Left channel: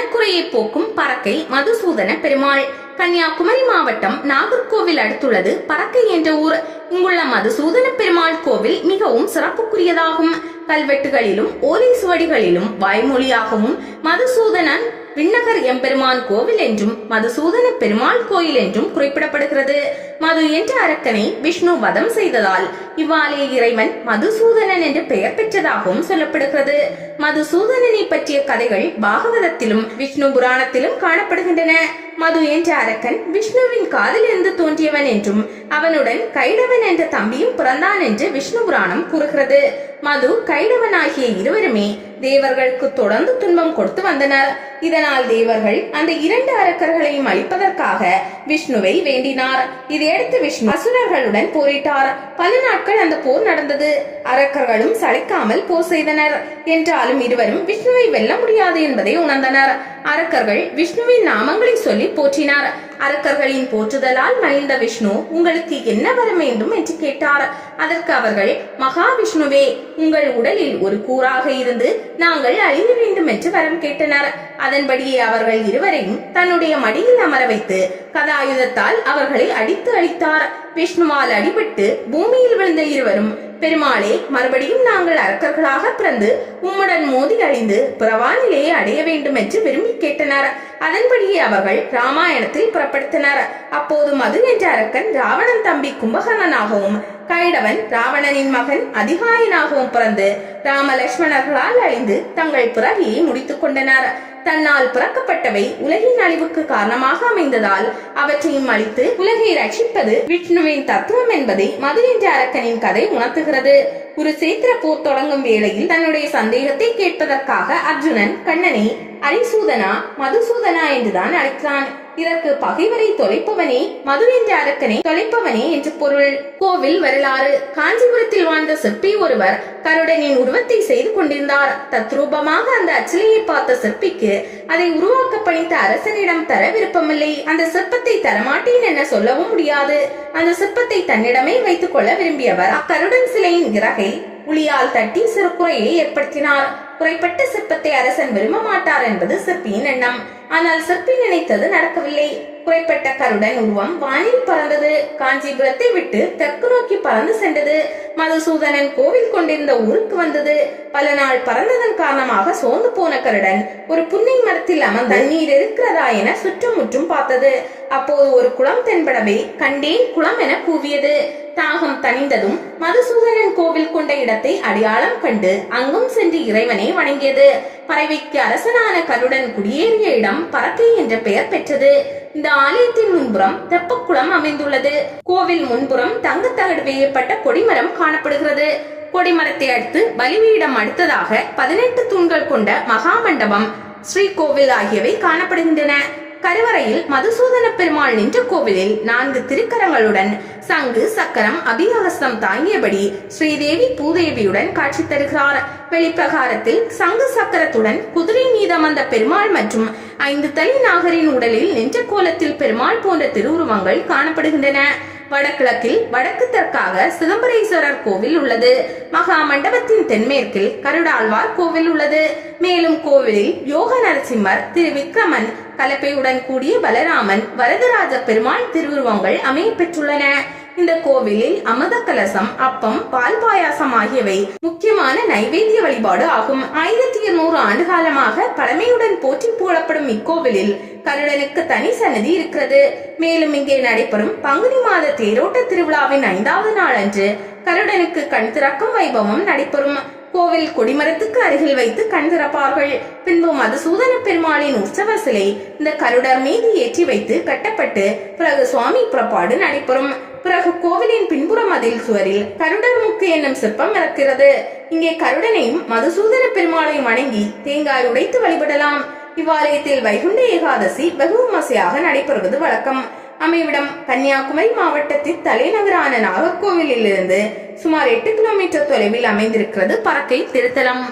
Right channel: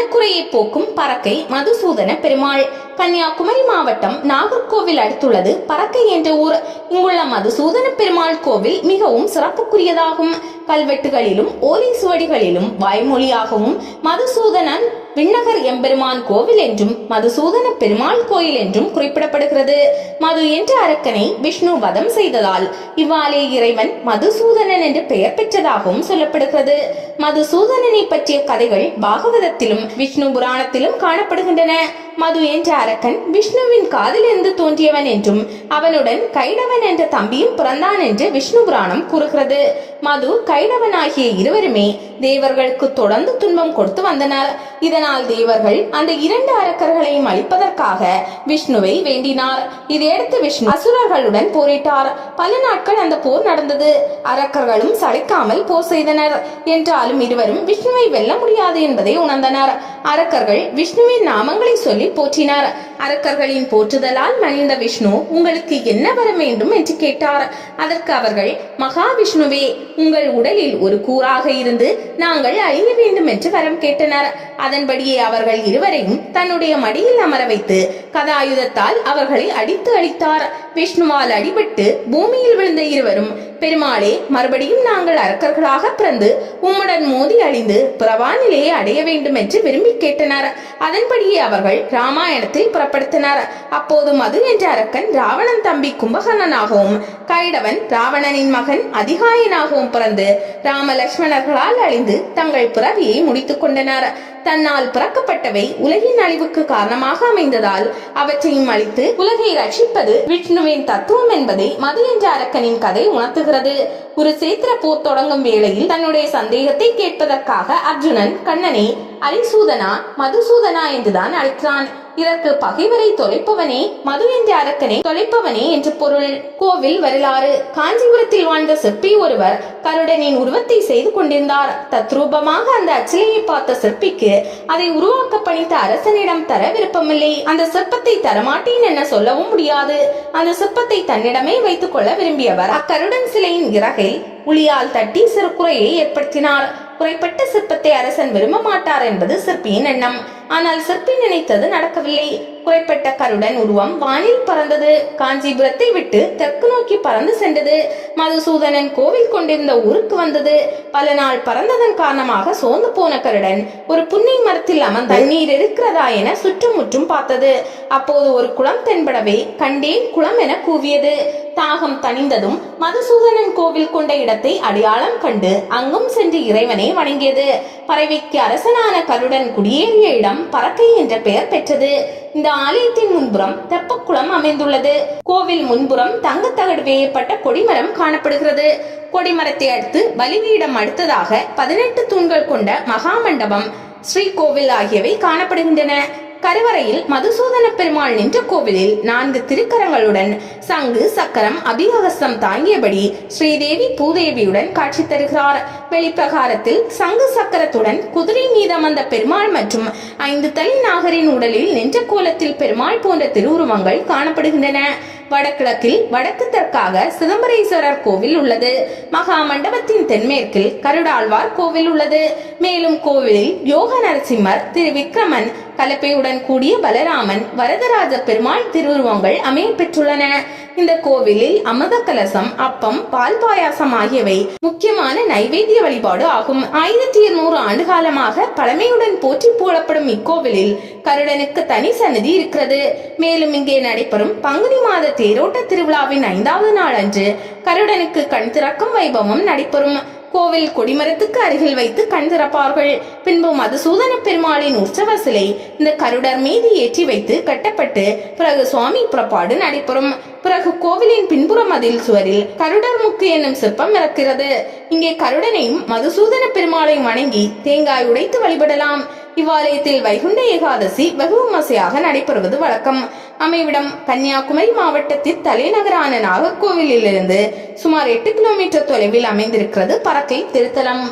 மனக்குறையை போக்கும் பறக்கை மதுசூதன பெருமாள். கன்னியாகுமரி மாவட்டம் நாகர்கோவில் அடுத்துள்ளது. பறக்கை என்ற ஊர். இங்குள்ள மதுசூதன பெருமாள் கோவில் மிகவும் சிறப்புக்குரியதாகும். கல்வெட்டுகளிலும் ஓலை சுவடிகளிலும் வாய்மொழியாகவும் மதுசூதனன் விண்ணகர் எம்பெருமான் கோவில் என்றும் மதுசூதன பெருமாள் கோயில் என்றும் குறிப்பிடப்படுகிறது. மது என்ற அரக்கனை விஷ்ணு வதம் செய்ததால் இவ்வாலே இறைவன் மதுசூதனன் என்று பெயர் பெற்றதாகவும் சொல்லப்படுகிறது. மதுசூதனனை பற்றிய கதைகள் பாகவதத்திலும் விஷ்ணு புராணத்திலும் காணப்படுகின்றன. மது என்ற அரக்கன் விஷ்ணுவின் காதிலிருந்து தோன்றியவன் என்றும் அவனுடன் கைடவன் என்ற தம்பியும் பிறந்தான் என்று விஷ்ணு புராணம் கூறுகிறது. மது கைடவன் ஆகிய இருவருமே தேவர்களுக்கு தொடர்ந்து துன்பம் கொடுத்து வந்தனர். இதனால் தேவர்கள் அந்த இரண்டு அரக்கர்களையும் அழிப்பதற்காக விஷ்ணுவை வேண்டினார். இதையடுத்து விஷ்ணு அசுரர்களுடன் போரிட்டார். பல நாட்கள் அந்த போர் நடந்தது. அரக்கர்களும் சளைக்காமல் போர் செய்தனர். என்றாலும் இருவரும் விஷ்ணுவை வெல்ல முடியாது என்பதை உணர்ந்தனர். அரக்கர்கள் விஷ்ணுவின் நாமங்களை சொல்லி போற்றினார். அரக்கர்களின் போற்றுதலால் மகிழ்ந்த விஷ்ணு உங்களுக்கு என்ன வர வேண்டும் என்று கேட்டார். அதற்கு அவர்கள் மகாவிஷ்ணுவே உங்கள் உடலில் ஒரு கூறாக இருந்து நாங்கள் அழிய வேண்டும் என்று வரம் கேட்டனர். அதன்படியே அவர்கள் இருவரையும் தன்னுடைய மடியில் அமர வைத்து கதாயுதத்தால் அவர்களை அடித்து அழித்தார். விஷ்ணுவால் அடிபட்டு பூமியில் விழுந்த இருவரும் பெருமாளே மறுபடியும் நாங்கள் அரக்கர்களாக பிறந்து உம்முடன் மோதி அழிந்து புறவானிலையை அடைய வேண்டும் என்று விரும்பி கேட்டனர். அதன்படியே அவர்கள் ராமாயணத்தை புறப்படுத்தினர். அப்போது மது என்ற அரக்கன் ராவணன் தம்பி கும்பகர்ணனாகவும் கைடவன் ராவணனின் மகன் அதிகாயனாகவும் பிறந்து ராமலட்சுமணர்களால் அழிந்து தங்கள் பிறவியை முடித்துக் கொண்டனர். தன்னால் பிறக்கப்பட்டவை உலகின் அழிவுக்கு காரணமாக அமைந்ததால் அவற்றையும் அழித்து உலகை ரட்சிப்பது விஷ்ணுவின் தத்துவம் என்பதை மது என்ற அரக்கனின் கதை உணர்த்துகிறது. ஒரு சேத்திர போர் தொடங்கும் வேளையில் தன்னுடைய சந்தேகத்தை கேட்பதற்காக அர்ஜுனன் கண்ணனை அரிசூதனா மதுசூதனா என்றுதான் அழைக்கிறான். இதற்கு பகைவரை தொலைப்பவனே மது என்ற அரக்கனை தொலைப்பவனே என்று பொருள். கோவில் வரலாறு. காஞ்சிபுரத்தில் வாழ்ந்த சிற்பி ஒருவர் கருடனின் உருவத்தை செய்து கொண்டிருந்தார். தத்ரூபமாக அந்த அச்சிலையை பார்த்த சிற்பிக்கு அதை உருவாக்க பணித்த அரசனிடம் தர விருப்பமில்லை. அந்த சிற்பத்தை தரமாட்டேன் என சொல்லவும் முடியாது. அந்த சிற்பத்தை தன்னிடமே வைத்துக் கொள்ள விரும்பியவர் அக்கருடன் சிலையின் இறகில் உளியால் தட்டி சிறு குறையை ஏற்படுத்தினார். குறைப்பட்ட சிற்பத்தை அரசன் விரும்ப மாட்டார் என்பது சிற்பியின் எண்ணம். ஆனால் சிற்பி நினைத்தது நடக்கவில்லை. குறைப்பட்ட கருடன் உருவம் வானில் பறந்தது. காஞ்சிபுரத்தை விட்டு தெற்கு நோக்கி பறந்து சென்றது. மதுசூதனன் கோவில் கொண்டிருந்த ஊருக்கு வந்தது. பல நாள் பறந்ததன் காரணமாக சோர்ந்து போன கருடன் ஒரு புன்னை மரத்தில் அமர்ந்து தண்ணீர் இருக்கிறதா என சுற்றுமுற்றும் பார்த்தது. அப்போது ஒரு குளம் தென்படவே கண்டேன் குளம் என கூவியது. தாகம் தணிந்ததும் மதுசூதனன் கோவில் கொண்ட இடத்தை அடையாளம் கண்டு அங்கும் சென்று இறைவனை வணங்கியது. பறவைக்கு அரசனான கருடன் குடியேறிய இடம் பறக்கை என்ற பெயர் பெற்றது. இந்த ஆலயத்தின் முன்புறம் தெப்பக்குளம் அமைந்துள்ளது. கோவில் முன்புறம் தங்கத்தகடு வேயப்பட்ட கொடிமரம் காணப்படுகிறது. கொடிமரத்தை அடுத்து பலிபீடம் அடுத்ததாக பதினெட்டு தூண்கள் கொண்ட மகாமண்டபம் ஸ்ரீகோவில் ஆகியவை காணப்படுகின்றன. கருவறையில் மதுசூதன பெருமாள் நின்ற கோவிலில் நான்கு திருக்கரங்களுடன் சங்கு சக்கரம் அபிகவசம் தாங்கியபடி ஸ்ரீதேவி பூதேவியுடன் காட்சி தருகிறார். வெளிப்பிரகாரத்தில் சங்கு சக்கரத்துடன் குதிரை மீதம் வந்த பெருமாள் மற்றும் ஐந்து தலை நாகரின் உடலில் நின்ற கோலத்தில் பெருமாள் போன்ற திருவுருவங்கள் காணப்படுகின்றன. வடகிழக்கில் வடக்கு தெற்காக சிதம்பரேஸ்வரர் கோவில் உள்ளது. மகா மண்டபத்தின் தென்மேற்கில் கருடாழ்வார் கோவில் உள்ளது. மேலும் கோவிலில் யோக நரசிம்மர் திரு விக்ரமன் கலப்பையுடன் கூடிய பலராமன் வரதராஜ பெருமாள் திருவுருவங்கள் அமைய பெற்றுள்ளன. இந்த கோவிலில் அமத கலசம் அப்பம் பால் பாயாசம் ஆகியவை முக்கியமான நைவேத்திய வழிபாடு ஆகும். ஆயிரத்தி இருநூறு ஆண்டு காலமாக பழமையுடன் போற்றி போடப்படும் இக்கோவிலில் கருடனுக்கு தனி சன்னதி இருக்கிறது. மேலும் இங்கே நடைபெறும் பங்குனி மாத தேரோட்ட திருவிழாவின் ஐந்தாவது நாள் அன்று கருடனுக்கு கண் திறக்கும் வைபவம் நடைபெறும். கோவில் கொடிமரத்துக்கு அருகில் வைத்து கண் திறப்பார்கள். பின்பு மதுசூதன பெருமாளின் உற்சவ சிலை இந்த கருடர் மீது ஏற்றி வைத்து கட்டப்பட்டு பிறகு சுவாமி புறப்பாடு நடைபெறும். பிறகு கோவிலின் பின்புற மதில் சுவரில் கருடர் முக்கு என்னும் சிற்பம் இருக்கிறது இங்கே கருடனையும் மதுசூதன பெருமாளையும் வணங்கி தேங்காய் உடைத்து வழிபடலாம். இவ்வாலயத்தில் வைகுண்ட ஏகாதசி வெகு விமர்சையாக நடைபெறுவது வழக்கம். அமைவிடம் கன்னியாகுமரி மாவட்டத்தின் தலைநகரான நாகர்கோவிலிலிருந்து சுமார் எட்டு கிலோமீட்டர் தொலைவில் அமைந்திருக்கிறது பறக்கை திருத்தலம்.